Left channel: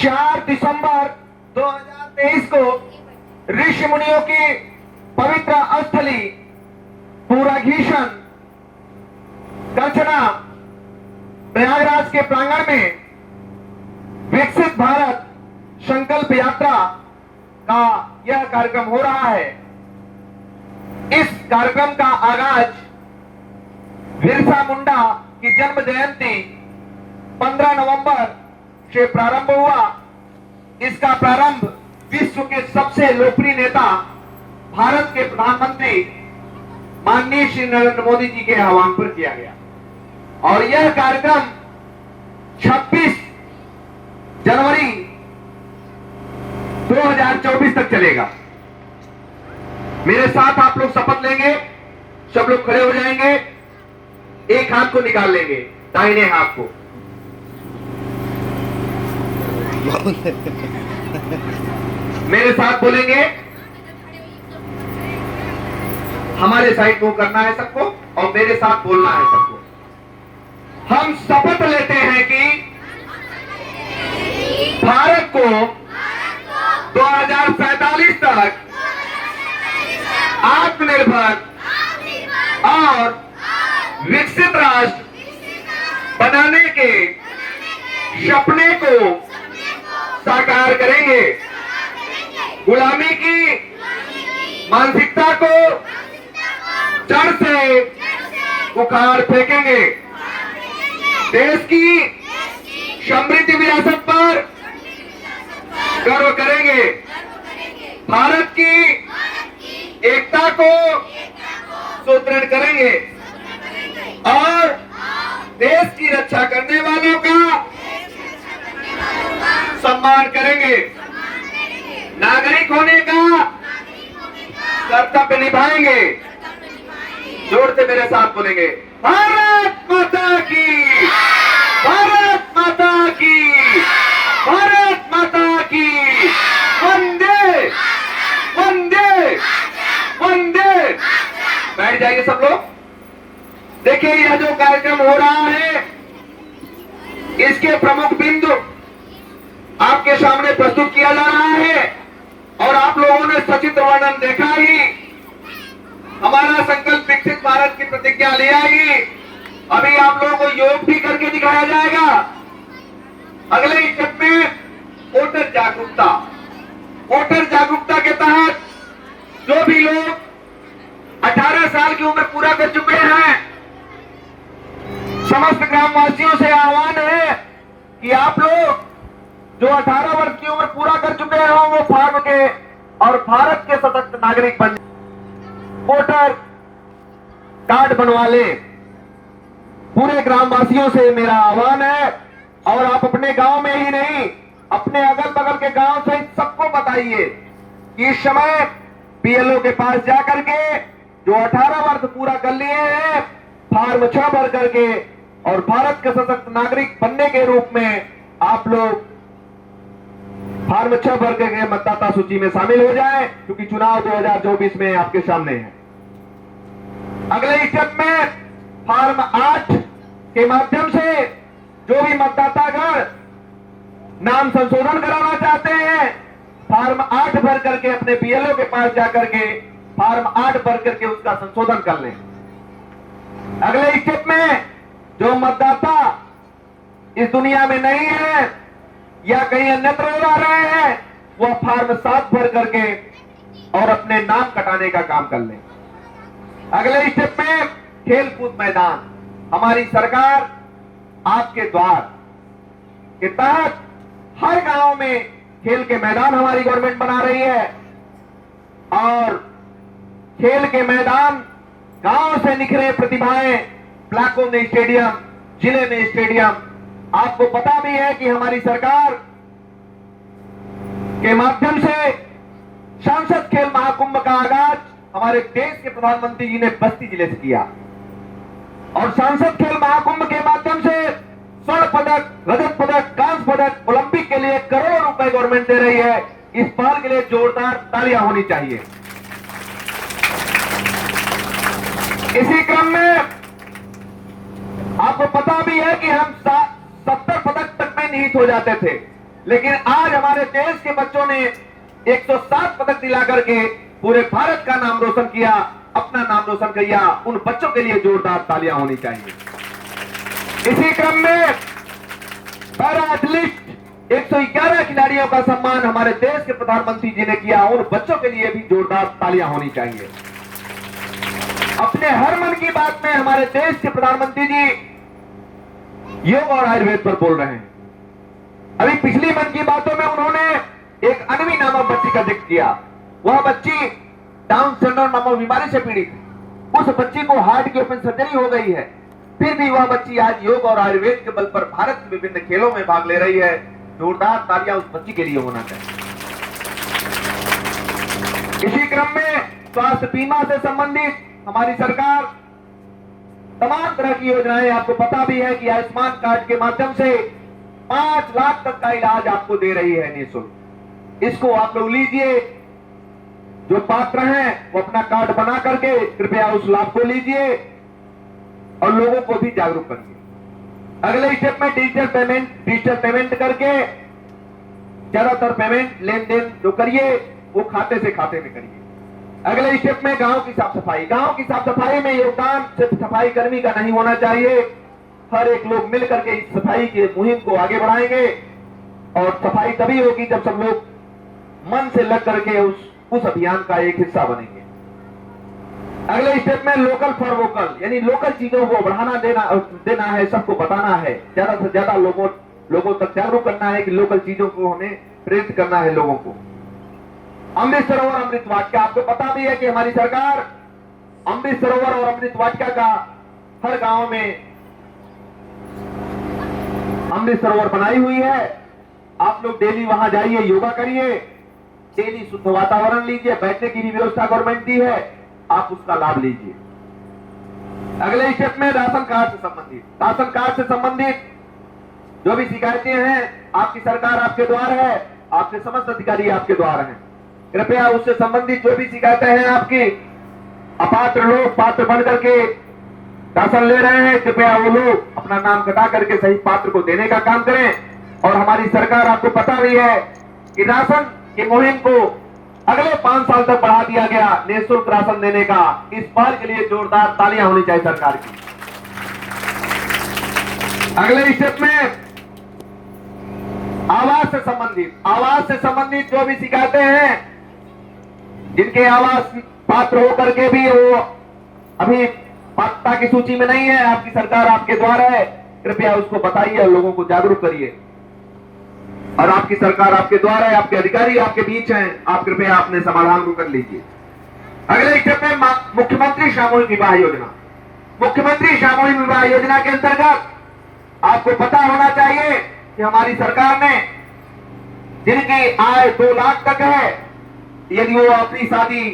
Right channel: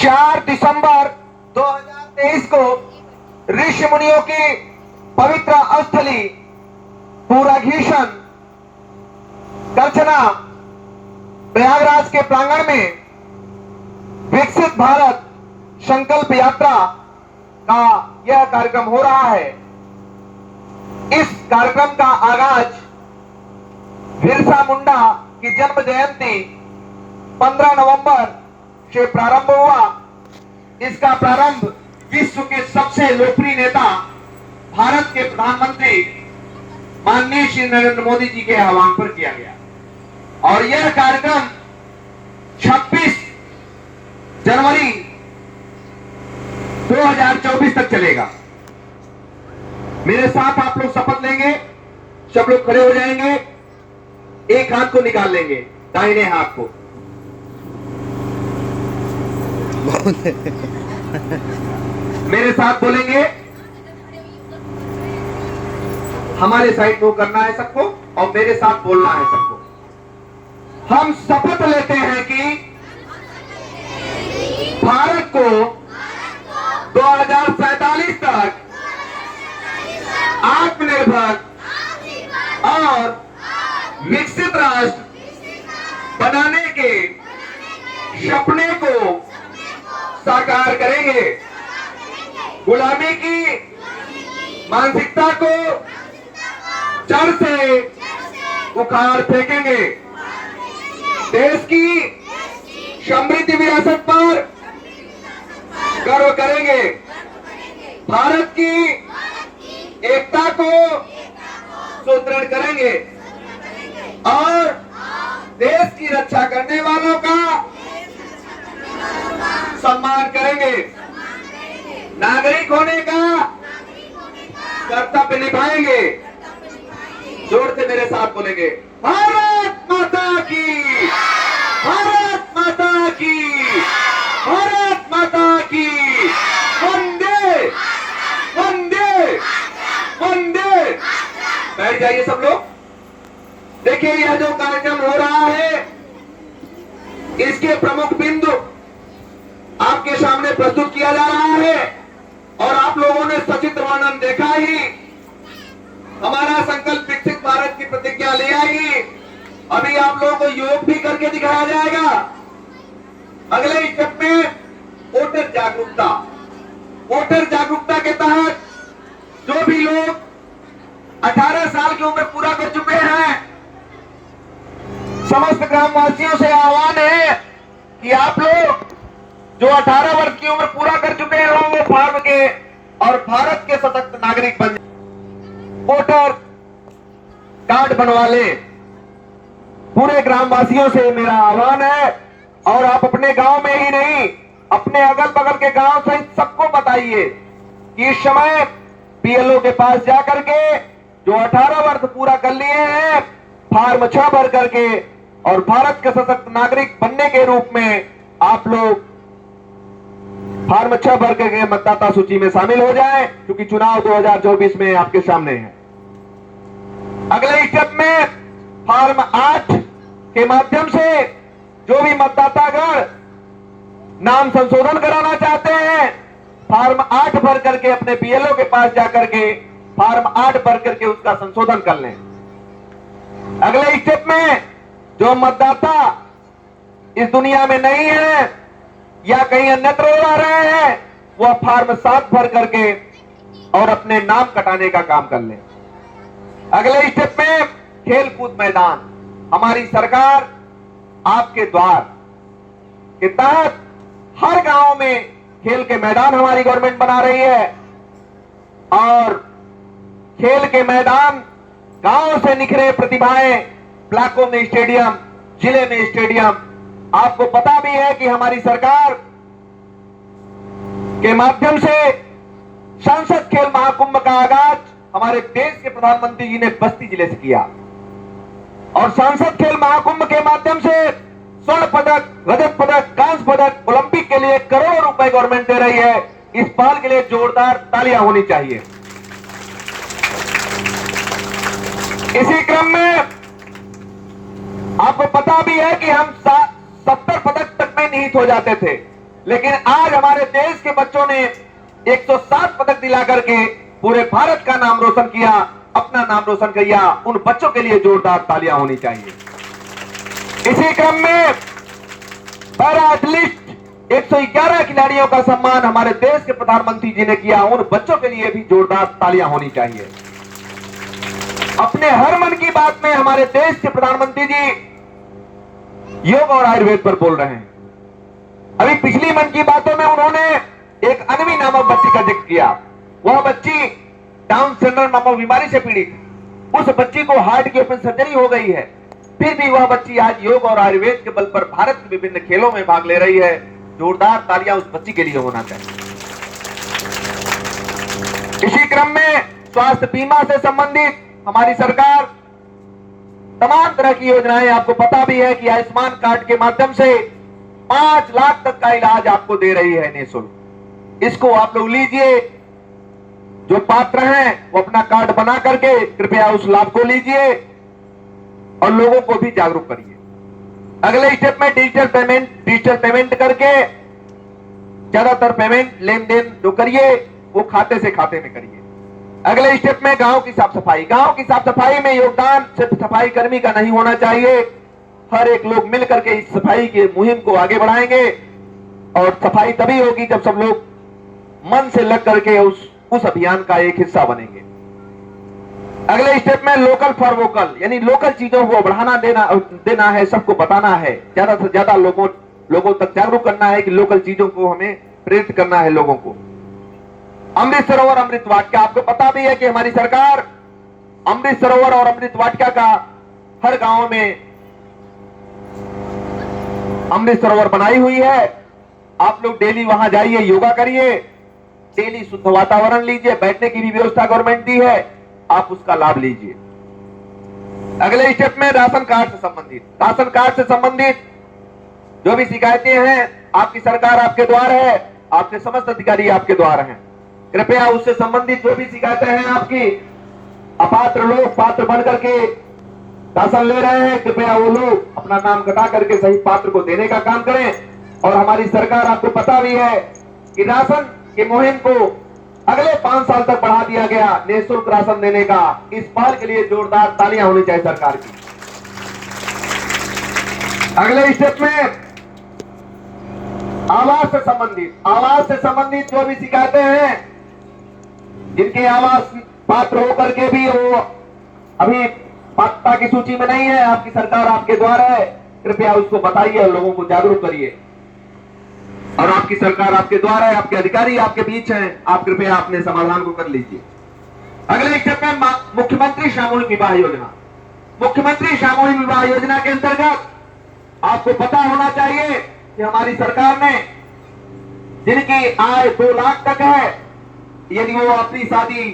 4 दिसंबर 2023 को ऋषि मुनियों की पवित्र स्थली पूराघीशन करछना प्रयागराज के प्रांगण में विकसित भारत संकल्प यात्रा का यह कार्यक्रम हो रहा है। इस कार्यक्रम का आगाज बिरसा मुंडा की जन्म जयंती 15 नवंबर से प्रारंभ हुआ। इसका प्रारंभ विश्व के सबसे लोकप्रिय नेता भारत के प्रधानमंत्री माननीय श्री नरेंद्र मोदी जी के आह्वान पर किया गया और यह कार्यक्रम 26 जनवरी 2024 तक चलेगा। मेरे साथ आप लोग शपथ लेंगे। सब लोग खड़े हो जाएंगे, एक हाथ को निकाल लेंगे, दाहिने हाथ को। मेरे साथ बोलेंगे, हमारे साइड को करना है सबको और मेरे साथ बोलना है सबको। हम शपथ लेते हैं कि भारत को 2047 तक आत्मनिर्भर और विकसित राष्ट्र बनाने के सपने को साकार करेंगे। गुलामी की मानसिकता को जड़ से उखाड़ फेंकेंगे। देश की समृद्ध विरासत पर गर्व करेंगे। भारत की एकता को सुदृढ़ करेंगे और देश की रक्षा करने वालों का सम्मान करेंगे। नागरिक होने का कर्तव्य निभाएंगे। जोर से मेरे साथ बोलेंगे, भारत माता की, भारत माता की, भारत माता की, वंदे वंदे वंदे। बैठ जाइए सब लोग। देखिए, यह जो कार्यक्रम हो रहा है इसके प्रमुख बिंदु आपके सामने प्रस्तुत किया जा रहा है और आप लोगों ने सचित्र वर्णन देखा ही। हमारा संकल्प विकसित भारत की प्रतिज्ञा ले आएगी। अभी आप लोगों को योग भी करके दिखाया जाएगा। अगले स्टेप में वोटर जागरूकता। वोटर जागरूकता के तहत जो भी लोग 18 साल की उम्र पूरा कर चुके हैं, समस्त ग्रामवासियों से आह्वान है कि आप लोग जो 18 वर्ष की उम्र पूरा कर चुके हैं वो फॉर्म के और भारत के सशक्त नागरिक बन जाए। वोटर कार्ड बनवा ले। पूरे ग्रामवासियों से मेरा आह्वान है और आप अपने गांव में ही नहीं, अपने अगल बगल के गांव सहित सबको बताइए कि इस समय बीएलओ के पास जाकर के जो 18 वर्ष पूरा कर लिए हैं फॉर्म 6 भर करके और भारत के सशक्त नागरिक बनने के रूप में आप लोग फॉर्म 6 भर करके मतदाता सूची में शामिल हो जाएं, क्योंकि चुनाव 2024 में आपके सामने है। अगले स्टेप में फॉर्म 8 के माध्यम से जो भी मतदातागण नाम संशोधन कराना चाहते हैं फॉर्म 8 भर करके अपने बीएलओ के पास जाकर के फॉर्म 8 भर करके उसका संशोधन कर लें। अगले स्टेप में जो मतदाता इस दुनिया में नहीं है या कहीं अन्यत्र रह रहे हैं वह फॉर्म 7 भर करके और अपने नाम कटाने का काम कर लें। अगले स्टेप में खेल कूद मैदान। हमारी सरकार आपके द्वार के तहत हर गांव में खेल के मैदान हमारी गवर्नमेंट बना रही है और खेल के मैदान गांव से निखरे प्रतिभाएं ब्लॉकों में स्टेडियम, जिले में स्टेडियम। आपको पता भी है कि हमारी सरकार के माध्यम से संसद खेल महाकुंभ का आगाज हमारे देश के प्रधानमंत्री जी ने बस्ती जिले से किया और संसद खेल महाकुंभ के माध्यम से स्वर्ण पदक, रजत पदक, कांस्य पदक ओलंपिक के लिए करोड़ों रुपए गवर्नमेंट दे रही है। इस पहल के लिए जोरदार तालियां होनी चाहिए। इसी क्रम में आपको पता भी है कि हम 70 पदक तक में निहित हो जाते थे लेकिन आज हमारे देश के बच्चों ने 107 पदक दिला करके पूरे भारत का नाम रोशन किया, अपना नाम रोशन किया। उन बच्चों के लिए जोरदार तालियां होनी चाहिए। इसी क्रम में पैरा एथलीट 111 खिलाड़ियों का सम्मान हमारे देश के प्रधानमंत्री जी ने किया। उन बच्चों के लिए भी जोरदार तालियां होनी चाहिए। अपने हर मन की बात में हमारे देश के प्रधानमंत्री जी योग और आयुर्वेद पर बोल रहे हैं। अभी पिछली मन की बातों में उन्होंने एक अनवी नामक बच्ची का जिक्र किया। वह बच्ची डाउन सिंड्रोम नामक बीमारी से पीड़ित। उस बच्ची को हार्ट की ओपन सर्जरी हो गई है, फिर भी वह बच्ची आज योग और आयुर्वेद के बल पर भारत के विभिन्न खेलों में भाग ले रही है। जोरदार तालियां उस बच्ची के लिए होना चाहिए। इसी क्रम में स्वास्थ्य बीमा से संबंधित हमारी सरकार तमाम तरह की योजनाएं, आपको पता भी है कि आयुष्मान कार्ड के माध्यम से 5 लाख तक का इलाज आपको दे रही है निःशुल्क। इसको आप लोग लीजिए, जो पात्र हैं वो अपना कार्ड बना करके कृपया उस लाभ को लीजिए और लोगों को भी जागरूक करिए। अगले स्टेप में डिजिटल पेमेंट करके ज्यादातर पेमेंट लेन देन जो करिए वो खाते से खाते में करिए। अगले स्टेप में गांव की साफ सफाई। गांव की साफ सफाई में योगदान सिर्फ सफाई कर्मी का नहीं होना चाहिए, हर एक लोग मिलकर के इस सफाई की मुहिम को आगे बढ़ाएंगे और सफाई तभी होगी जब सब लोग मन से लग करके उस अभियान का एक हिस्सा बनेंगे। अगले स्टेप में लोकल फॉर वोकल, यानी लोकल चीजों को बढ़ाना देना है, सबको बताना है, ज्यादा से ज्यादा लोगों तक जागरूक करना है कि लोकल चीजों को हमें प्रेरित करना है लोगों को। अमृत सरोवर अमृत वाटिका, आपको पता भी है कि हमारी सरकार अमृत सरोवर और अमृत वाटिका का हर गांव में अमृत सरोवर बनाई हुई है। आप लोग डेली वहां जाइए, योगा करिए, डेली शुद्ध वातावरण लीजिए, बैठने की भी व्यवस्था गवर्नमेंट दी है, आप उसका लाभ लीजिए। अगले स्टेप में राशन कार्ड से संबंधित जो भी शिकायतें हैं, आपकी सरकार आपके द्वार है, आपके समस्त अधिकारी आपके द्वार हैं। कृपया उससे संबंधित जो भी शिकायतें हैं आपकी, अपात्र लोग पात्र बन करके राशन ले रहे हैं, कृपया वो लोग अपना नाम कटा करके सही पात्र को देने का काम करें। और हमारी सरकार, आपको पता भी है कि राशन की मुहिम को अगले 5 साल तक बढ़ा दिया गया, निःशुल्क राशन देने का। इस पहल के लिए जोरदार तालियां होनी चाहिए सरकार की। अगले स्टेप में आवास से संबंधित जो भी शिकायतें हैं, जिनके आवास पात्र होकर के भी वो अभी पात्रता की सूची में नहीं है, आपकी सरकार आपके द्वार है, कृपया उसको बताइए और लोगों को जागरूक करिए। और आपकी सरकार आपके द्वार है, आपके अधिकारी आपके बीच हैं, आप कृपया अपने समाधान को कर लीजिए। अगले स्टेप में मुख्यमंत्री सामूहिक विवाह योजना। मुख्यमंत्री सामूहिक विवाह योजना के अंतर्गत आपको पता होना चाहिए कि हमारी सरकार ने जिनकी आय 2 लाख तक है, यदि वो अपनी शादी